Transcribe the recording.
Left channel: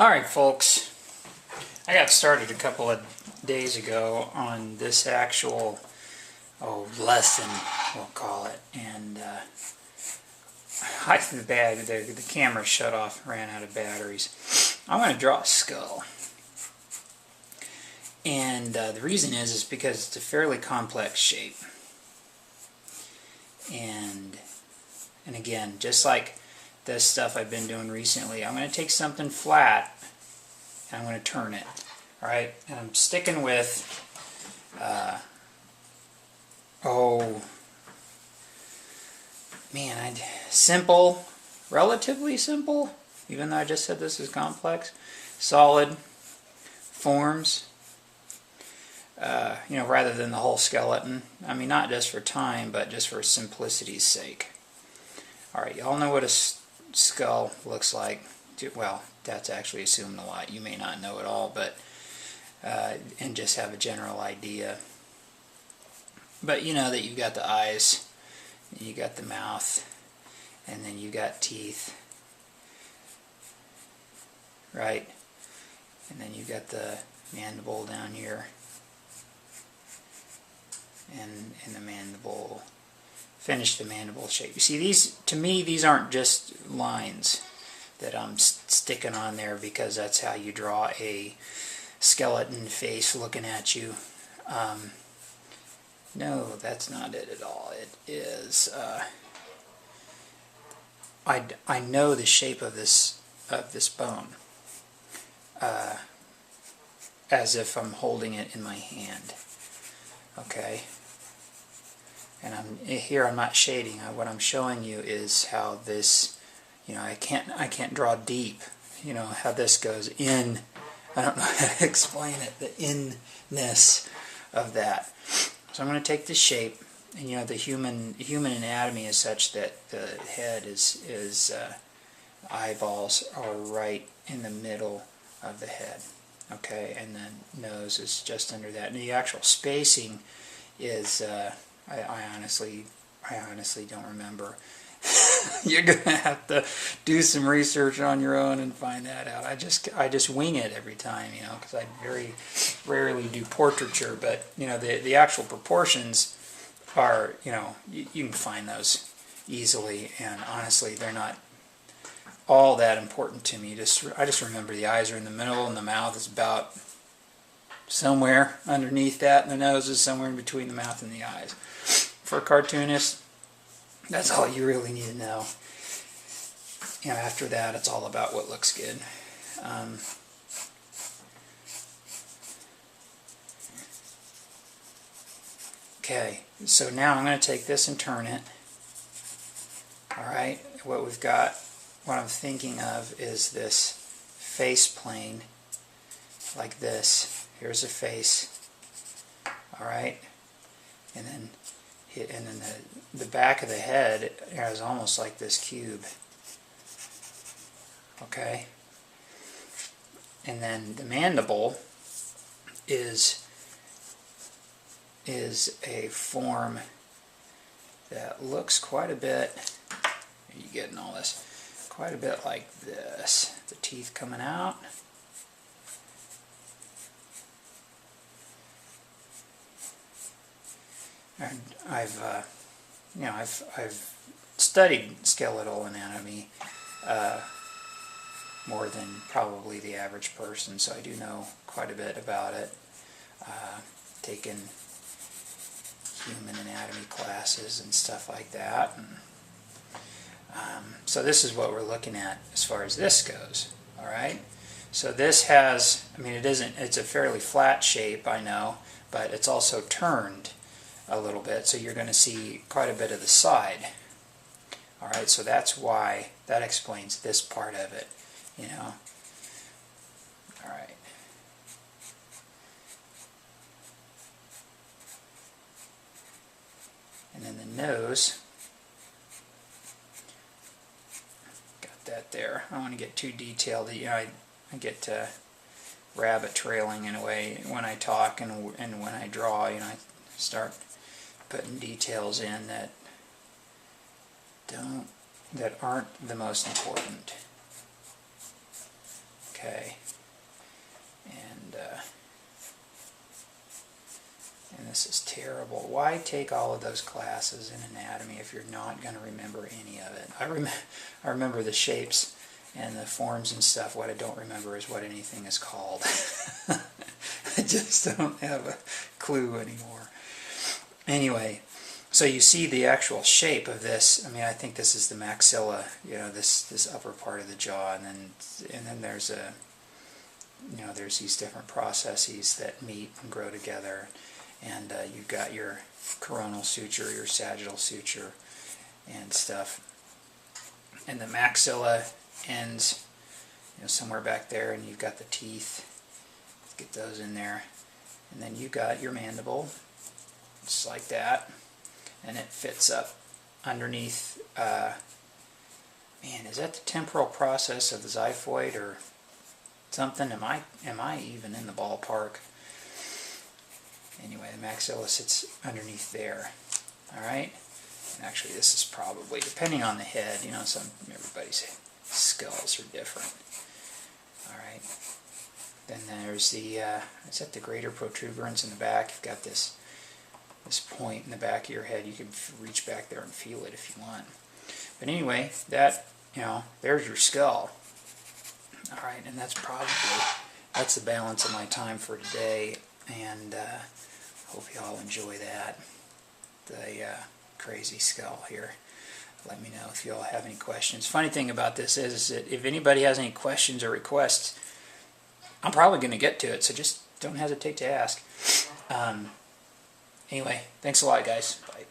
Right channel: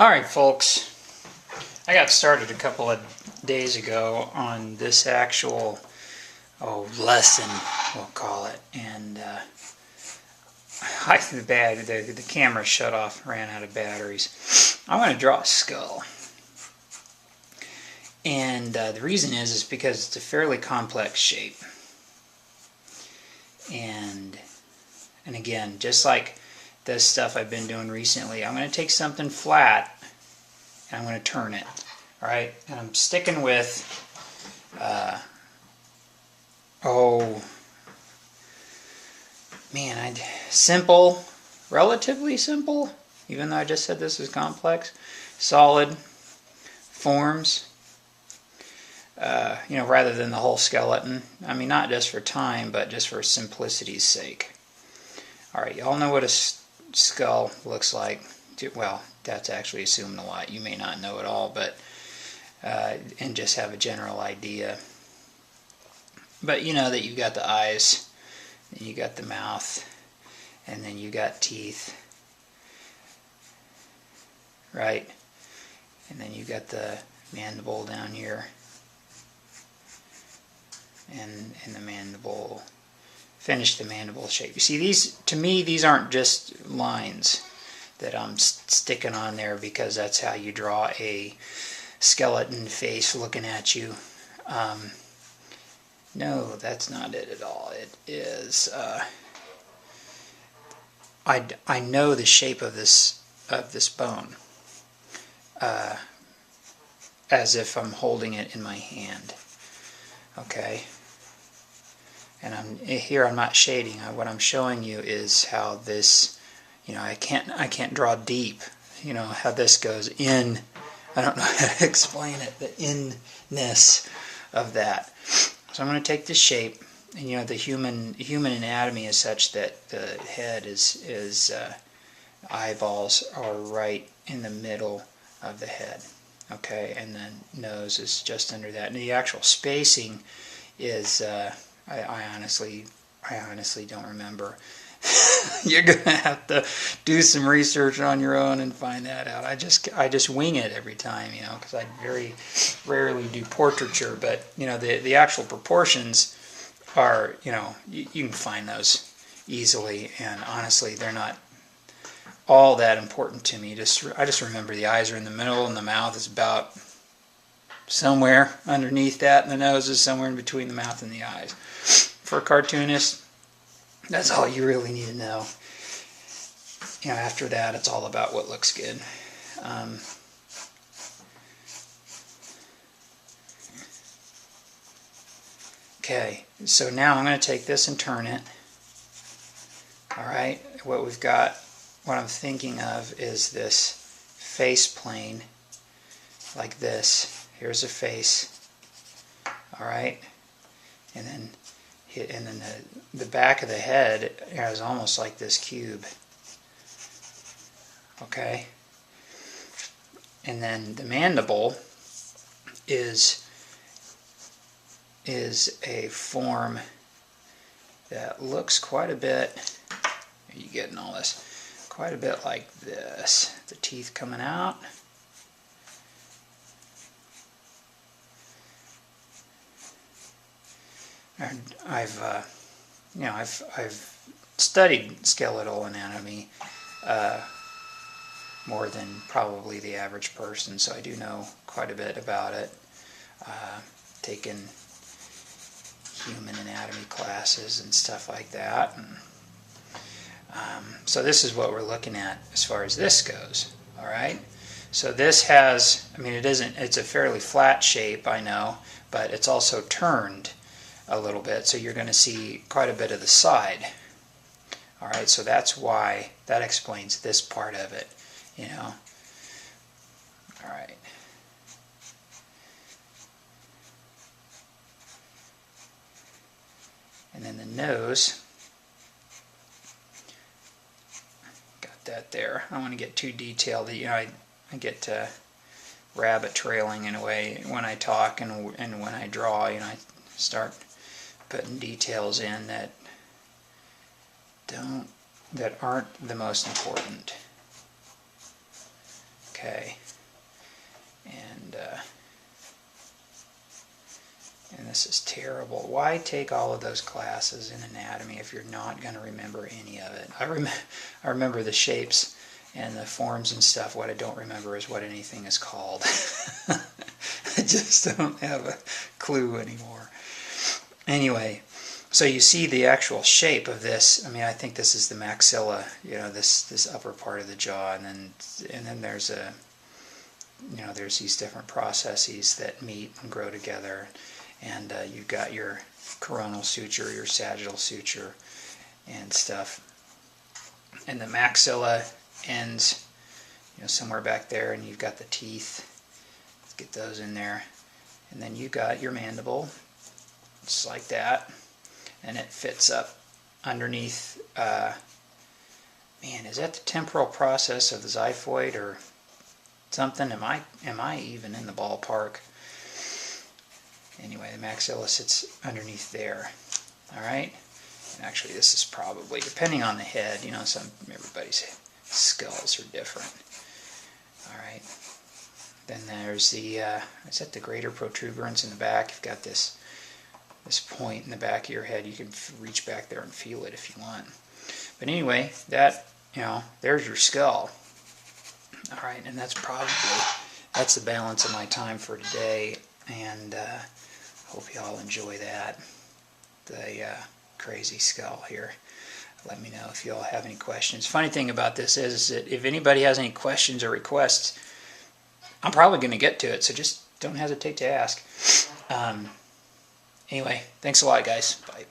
Alright folks, I got started a couple of days ago on this actual lesson, we'll call it, and the camera shut off, ran out of batteries. I'm going to draw a skull, and the reason is because it's a fairly complex shape, and again, just like this stuff I've been doing recently, I'm going to take something flat and I'm going to turn it. Alright, and I'm sticking with simple, relatively simple, even though I just said this is complex, solid forms, rather than the whole skeleton. I mean, not just for time, but just for simplicity's sake. Alright, y'all know what a skull looks like. Well, that's actually assuming a lot. You may not know it all, but and just have a general idea. But you know that you've got the eyes, and you got the mouth, and then you got teeth, right? And then you got the mandible down here, and the mandible. Finish the mandible shape. You see, these aren't just lines that I'm sticking on there because that's how you draw a skeleton face looking at you. No, that's not it at all. It is, I know the shape of this bone as if I'm holding it in my hand. Okay? And I'm not shading. What I'm showing you is how this, I can't draw deep. How this goes in. I don't know how to explain it. The inness of that. So I'm going to take this shape, and the human anatomy is such that the head is eyeballs are right in the middle of the head. Okay, and then nose is just under that. And the actual spacing is. I honestly don't remember. You're gonna have to do some research on your own and find that out. I just wing it every time, because I very rarely do portraiture. But the actual proportions are, you can find those easily. And honestly, they're not all that important to me. I just remember the eyes are in the middle, and the mouth is about somewhere underneath that, and the nose is somewhere in between the mouth and the eyes. For a cartoonist, that's all you really need to know. After that, it's all about what looks good. Okay, so now I'm going to take this and turn it. Alright, what I'm thinking of is this face plane, like this. Here's a face. Alright, and then the back of the head is almost like this cube. Okay? And then the mandible is a form that looks quite a bit, are you getting all this? Quite a bit like this. The teeth coming out. I've studied skeletal anatomy more than probably the average person, so I do know quite a bit about it. Taken human anatomy classes and stuff like that, and so this is what we're looking at as far as this goes. All right. So this has, it's a fairly flat shape, I know, but it's also turned a little bit, so you're going to see quite a bit of the side. Alright, so that's why, that explains this part of it, Alright. And then the nose, got that there. I don't want to get too detailed. I get rabbit trailing in a way when I talk and when I draw, I start putting details in that aren't the most important. Okay. this is terrible. Why take all of those classes in anatomy if you're not going to remember any of it? I remember the shapes and the forms and stuff. What I don't remember is what anything is called. I just don't have a clue anymore. Anyway, so you see the actual shape of this. I mean, I think this is the maxilla, you know, this upper part of the jaw, and then there's a, you know, there's these different processes that meet and grow together, and you've got your coronal suture, your sagittal suture, and stuff, and the maxilla ends, you know, somewhere back there, and you've got the teeth. Let's get those in there, and then you got your mandible, just like that, and it fits up underneath. Man, is that the temporal process of the xiphoid or something? Am I even in the ballpark? Anyway, the maxilla sits underneath there. All right. And actually, this is probably, depending on the head, you know, everybody's skulls are different. All right. Then there's the is that the greater protuberance in the back? You've got this point in the back of your head. You can reach back there and feel it if you want. But anyway, that, you know, there's your skull. All right, and that's the balance of my time for today, and hope you all enjoy that. The crazy skull here. Let me know if you all have any questions. Funny thing about this is that if anybody has any questions or requests, I'm probably going to get to it, so just don't hesitate to ask. Anyway, thanks a lot, guys. Bye.